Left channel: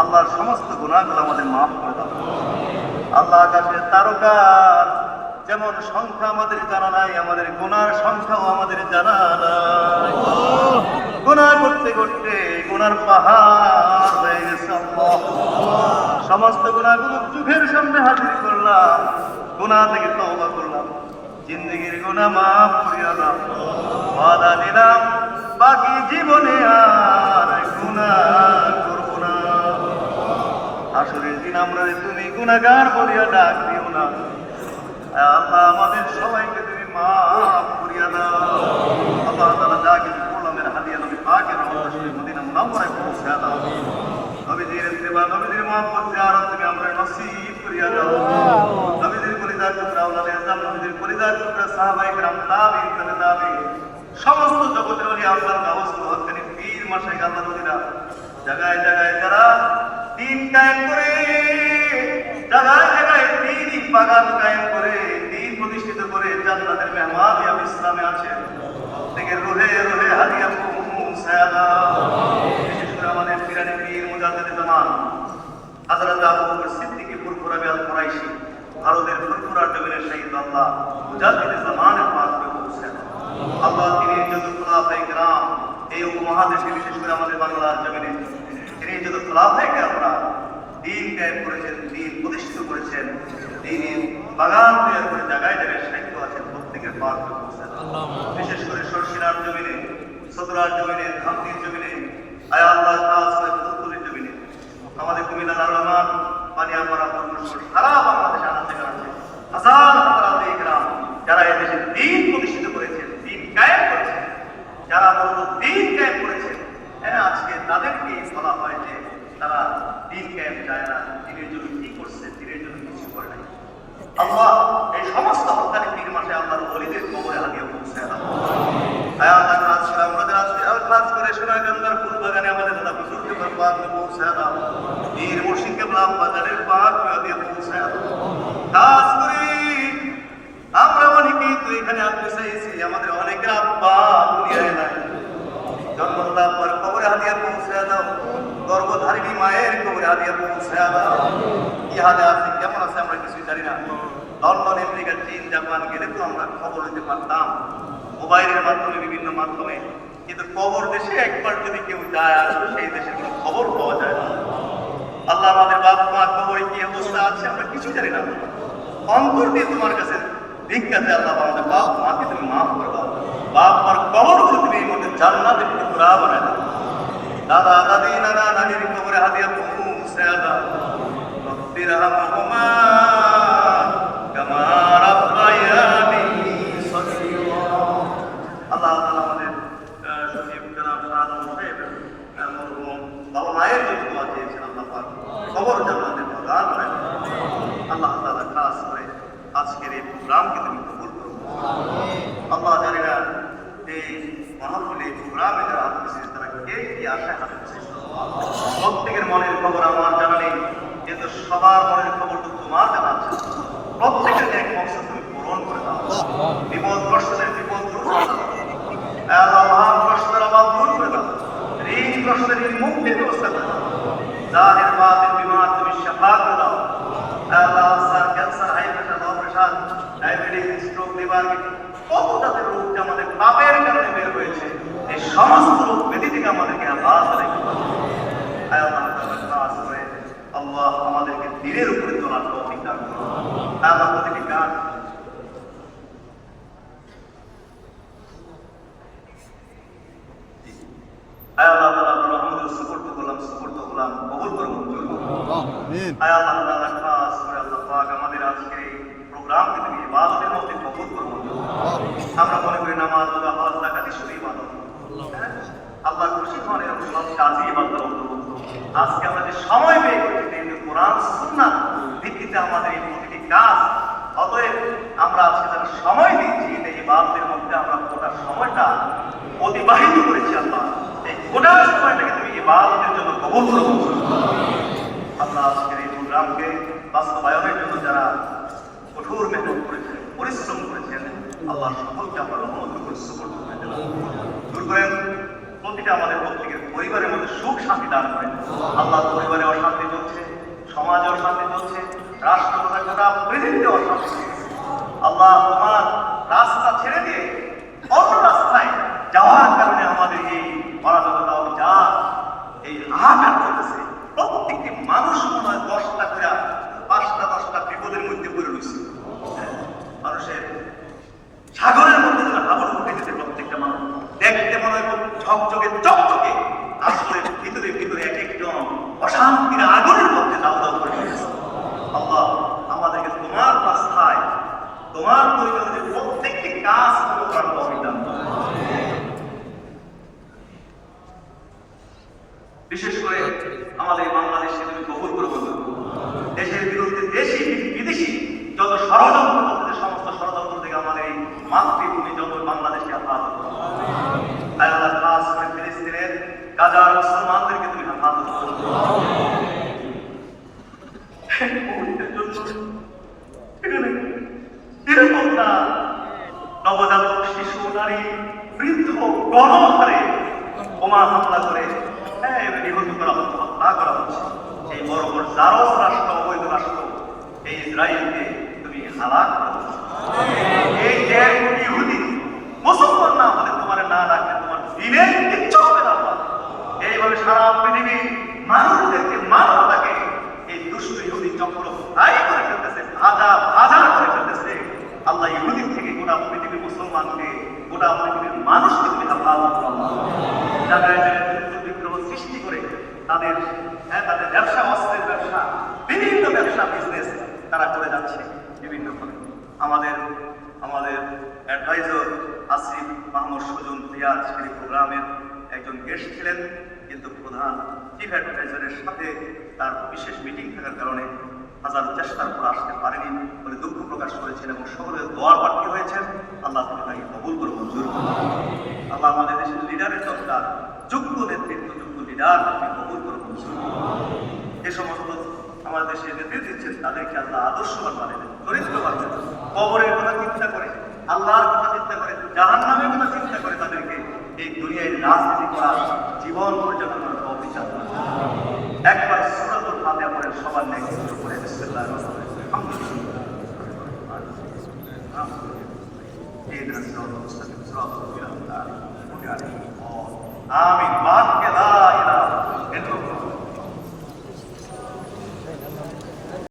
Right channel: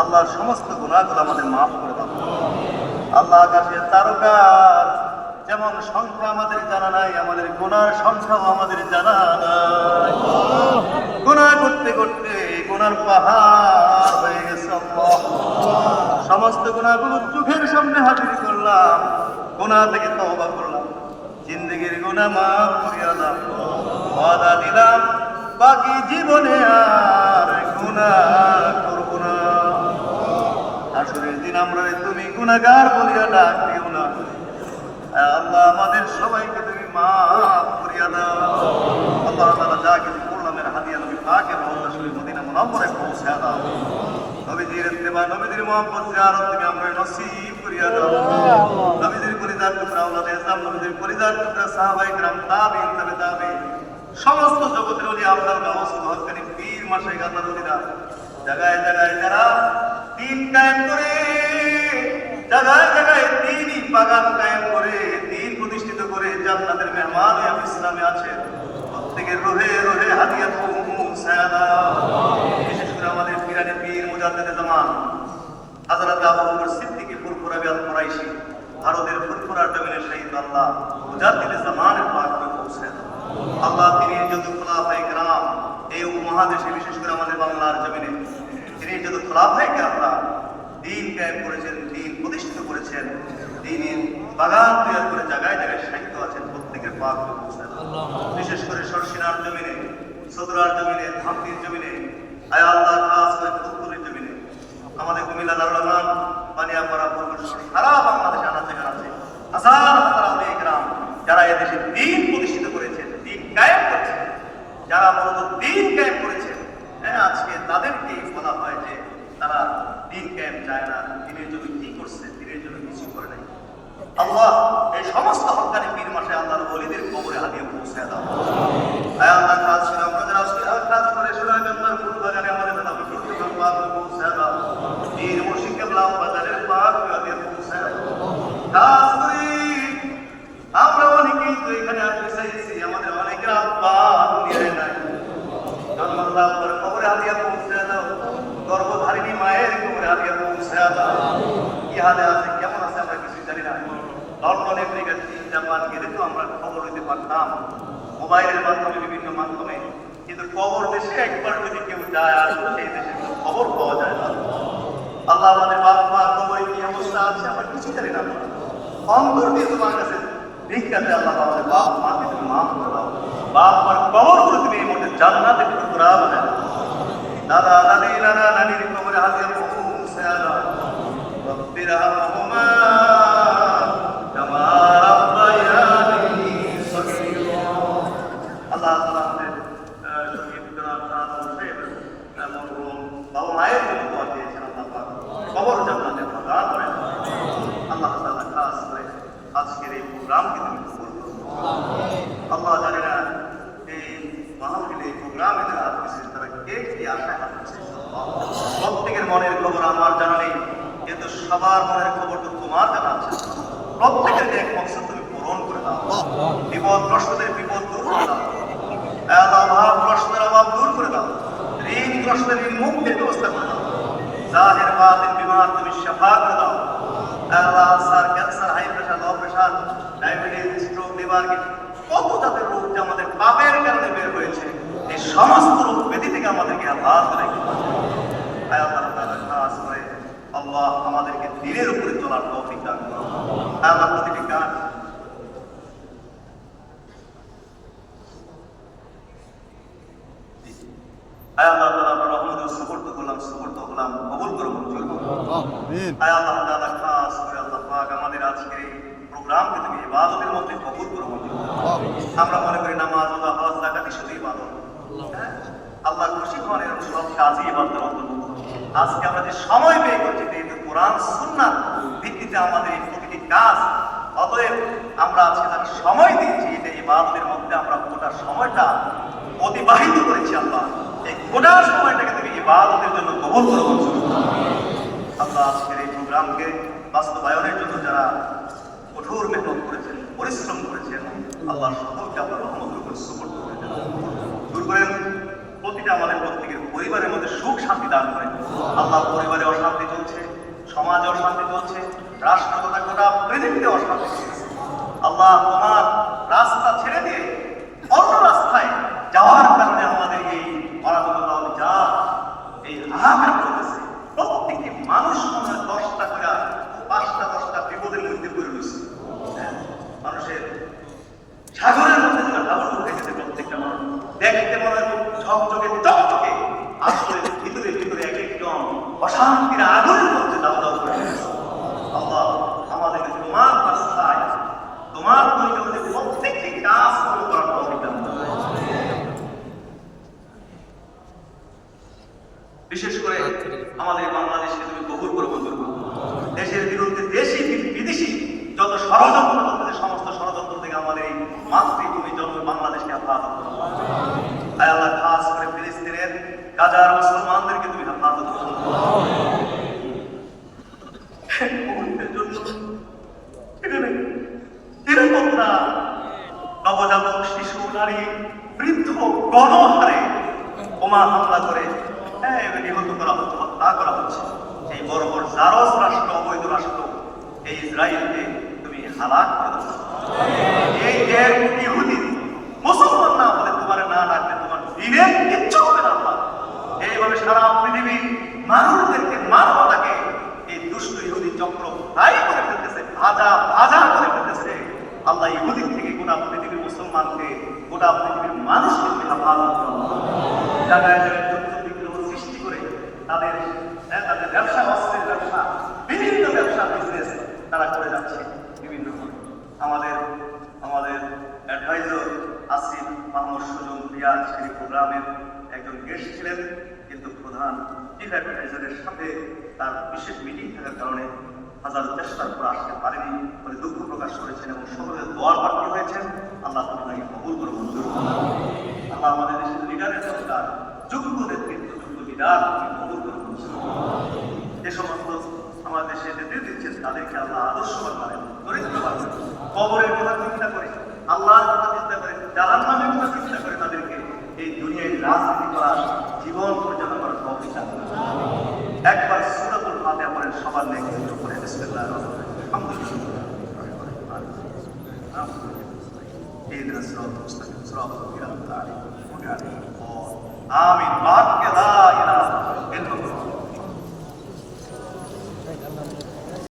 আল্লাহর সমস্ত গুণাগুলো আমাদের মাফ করে দাও। আল্লাহ আকাশের তারকার যেমন সংখ্যা আমাদের জানা নাই, আমাদের গুনার সংখ্যাও আমাদের জানা নাই। গুনাহ করতে করতে গুনার পাহাড় সমস্ত গুণাগুলো চোখের সামনে হাজির করলাম গুণা থেকে তওবা করলাম। জিন্দগির গুনাহ মাফ দিলাম, বাকি জীবনে আর না আসরের দিন আমরা তুমি গুনাহগার বলিয়া ডাক দিও না আয় আল্লাহ আমাদের সবাইকে তুমি মাফ করিয়া দাও আল্লাহ তাআলা যা কিছু করলাম এর হাদিয়া নবী পাকের রহমত শরীফ মদিনা মুনাওয়ারায় পৌঁছে দাও নবীজির ইত্তেবা নবীজির মোহাম্মদ জিয়ারত তুমি আমরা নসিব করিয়া দাও নবীজির পরিদার টুকরা আওলাদে ইসলাম নবীজির পরিদার টুকরা সাহাবায়ে کرام তাবিঈন তাবে তাবিঈন সমস্ত জগতের ওলি আল্লাহর গাওস হকানি পীর মাশাইখ আল্লাহর ওলিরা জায়গায় জায়গায় যারা দিন কায়েম করে জায়গায় জায়গায় দিনই বাগান কায়েম করে দিন প্রতিষ্ঠিত করে জান্নাতের মেহমান হয়ে ইসলামে আছে প্রত্যেকের রোহে রোহে হাদিয়া পৌঁছায় দাও বিশেষ করে আমাদের পিরানি পীর মুজাদ্দিদ জামান হযরত আবু বকর সিদ্দিকী ফুরফুরা বিআল কুরাইশি ভারতের ফুরফুরা নগরের শহীদ আল্লাহ মুজাদ্দিদ জামান পাক করে পৌঁছে দাও আল্লাহ তিনি যত খোলাফায়ে کرام এই উপমহাদেশে বিশেষ করে আমাদের বাংলার জমিনে তিনি যত খোলাফাইকে আমরা দিন কায়েম করেছেন দিন প্রতিষ্ঠিত করেছেন দিনের বাগান তৈরি করে জায়গায় জায়গায় সাহিত্য আছেন প্রত্যেকের পাক বিশেষ করে সরসিনার জমিনে সদরার জমিনে ধামকির জমিনে আয়া আল্লাহ খাস করে প্রথমপুরের জমিনে আমাদের কুমিল্লা রহমান মানে আমরা সারা বাংলাদেশে আনন্দ আছে হাজার দিন কায়েম যায় না? দিনের জন্য কি করছে? দিনের জন্য কিছু করে নাই। আল্লাহ এই সমস্ত হকানি পীর মাসে আল্লাহর বলিদের কবরে হাতিয়ে পৌঁছে দাও আয় আল্লাহ করে আমাদের আজকে আর কাজ করে সোনাগঞ্জার ফুল বাগানে আমাদের দাদা পৌঁছে দাও পীর মুর্শিদকে লাভ বাজারের পাক হাদিয়া পৌঁছে দাও খাস করে আমরা অনেকেই তো এখানে আসতে চাইছি আমাদের অনেকের আব্বা দুনিয়ায় নাই জন্মাল্লাহ আপনার কবরে হাদিয়া পৌঁছে দাও গর্ভধারিণী মায়ের কবরে হাদিয়া পৌঁছে দাও হালে আছে কেমন আছে আমরা কিছুই জানি না। লন্ডন আমেরিকা চীন, জাপান গেলে তো আমরা খবর নিতে পারতাম। মোবাইলের মাধ্যমে, বিভিন্ন মাধ্যমে। কিন্তু কবর দেশে একবার যদি কেউ যায়, আর সেই দেশের কোনো খবর পাওয়া যায় না। আল্লাহ আমাদের বাপ, মা কবরে কি অবস্থা আছে আমরা কিছু জানি না। অন্তর দিয়ে তোমার কাছে ভিক্ষাতে আল্লাহ, আমাদের বাপ, মাকে তুমি মাফ করে দাও। বাপ, মার কবর করে তুমি এই মধ্যে জান্নাতের টুকরা বানায় দাও দাদা দাদি নানা নানির কবরে হাদিয়া পৌঁছে দাও রব্বির হামহুমা কামা রাব্বায়ানি সগীরা আল্লাহ তাআলা আমাদের আহ, শহীদ গ্রাম সাহায্য সাহেব আহ, মরহুম বাবা মায়ের যে দোয়া দিয়েছেন আল্লাহ পাক কবর জান্নাতের প্রদান করেন আল্লাহ তাআলা খাস করে আজকের এই প্রোগ্রামকে তুমি কবুল করো আল্লাহ জানে না এই মাহফিলে এই প্রোগ্রামে যারা উপস্থিত তারা কে কি আশা করছে প্রত্যেকের মনের খবর আমার জানা নেই, কিন্তু সবার মনের খবরটা তোমার জানা আছে। প্রত্যেকের এক মকসদ তুমি পূরণ করে দাও। বিপদ গ্রস্তদের বিপদ দূর করে দাও। অভাব গ্রস্তদের অভাব দূর করে দাও। ঋণ ঋণ মুক্তির ব্যবস্থা করে দাও জাহের বাদের বিমার তুমি শাফা করে দাও। আল্লাহ sir cancer high pressure low pressure, diabetes, stroke, liver কত জাতের রোগ যে আমাদের পাপের কারণে বের হয়েছে, এই সমস্ত ব্যাধি থেকে আমাদেরকে আল্লাহ আল্লাহ করে। আল্লাহ আমাদেরকে দিনের উপরে তোলার তৌফিক দান করুন। আল্লাহ করে আল্লাহ পাক আমাদের আজকের এই প্রোগ্রামকে তুমি ইবাদতের মধ্যে কবুল করুন। আমরা বাপদের মধ্যে আমরা গোটা সময়টা অতিবাহিত করেছি আল্লাহ। এই গোটা সময়টাকে তুমি জন্য কবল আল্লাহ আজকের এই প্রোগ্রামকে বাস্তবায়নের জন্য যারা কঠোর মেহনত করেছেন, পরিশ্রম করেছেন, আল্লাহ সকলকে আমার অনুমোদন করতে প্রতিটা আমাদের প্রত্যেকের পরিবারের মধ্যে সুখ শান্তি দান আল্লাহ পরিবারে অশান্তি চলছে, সমাজে অশান্তি চলছে, রাষ্ট্র তথা গোটা পৃথিবীতে অশান্তি আল্লাহ হাহাকার চলতেছে প্রত্যেকটি মানুষ মনে হয় দশটা করে, পাঁচটা, দশটা বিপদের মধ্যে পড়ে রয়েছে। মানুষের সাগরের মধ্যে তারা হাবল উঠে গেছে প্রত্যেকটা মানুষ। দেখতে মনে হয় ঝকঝকে, চকচকে। আসলে ভিতরে ভিতরে এক একজন অশান্তির আগুনের মধ্যে দাও দাও করে আমাদেরকে তোমার রাস্তায়, তোমার পরিবারের প্রত্যেকটি কাজ করে করার তৌফিক দান করো। বিশেষ করে আমাদের বাংলাদেশকে তুমি কবুল করে মঞ্জুর করো দেশের বিরুদ্ধে দেশি বিদেশি যত ষড়যন্ত্র করতেছে সমস্ত ষড়যন্ত্র থেকে আমাদের এই মাতৃভূমি যত বাংলাদেশকে হেফাজত করো তাই আল্লাহ খাস করে ফিলিস্তিনের গাজার মুসলমানদেরকে তুমি হেফাজত করো। নবজাতক শিশু নারী বৃদ্ধ গণহারে বোমা হামলা করে হ্যাঁ, নিহত করা হচ্ছে হত্যা করা হচ্ছে। এই বড় বড় জারস রাষ্ট্র অবৈধ রাষ্ট্র এই ইসরায়েলকে তুমি হালাক করেছ এই এক কোটি ইহুদি মুসলমান না হলে তোমার না রাখলে তোমার দিনের কিচ্ছু হবে না এইভাবে সারা পৃথিবীর মানুষদেরকে মানবতাকে এই দুষ্ট ইহুদি চক্র তাই করে ফেলতেছে ভাজা করে ফেলতেছে। আল্লাহ ইহুদির থেকে গোটা পৃথিবীর মুসলমানকে, গোটা পৃথিবীর মানুষকে বিগ্রহ সৃষ্টি করে তাদের হ্যাঁ তাদের ব্যবসা, অস্ত্রের ব্যবসা, বিভিন্ন ব্যবসা বিজনেস তারা করে যাচ্ছে বিভিন্ন আমাদের আমাদের অ্যাডভাইজার আসিফ মাহমুদ সুজন প্রোগ্রামের একজন গেস্ট ছিলেন, কিন্তু প্রধান চিফ অ্যাডভাইজারের সাথে তার বিশেষ মিটিং থাকার কারণে হাজার চেষ্টার পর আসতে দুঃখ প্রকাশ করেছেন এবং সকলের দোয়ার প্রাপ্তি হয়েছেন, আল্লাহ তাকে কবুল করে মঞ্জুর আল্লাহ আমাদের দেশের লিডারের দরকার, যোগ্য নেতৃত্ব, যোগ্য লিডার কবুল করে মঞ্জুর করুন। যে সমস্ত আমাদের দেশে নেতৃত্ব দিচ্ছেন তাদেরকে আল্লাহ আদর্শবান বানাবেন চরিত্র বানাবেন কবরের কথা চিন্তা করে, আল্লাহর কথা চিন্তা করে জাহান নামের কথা চিন্তা করে তাদেরকে এই দুনিয়ায় রাজনীতি করার জীবন পরিচালনা করার করুন। একবার সূরাতুল ফাতিহা পড়েন সবার নেই Hristo, Hristo, Hristo, Hristo,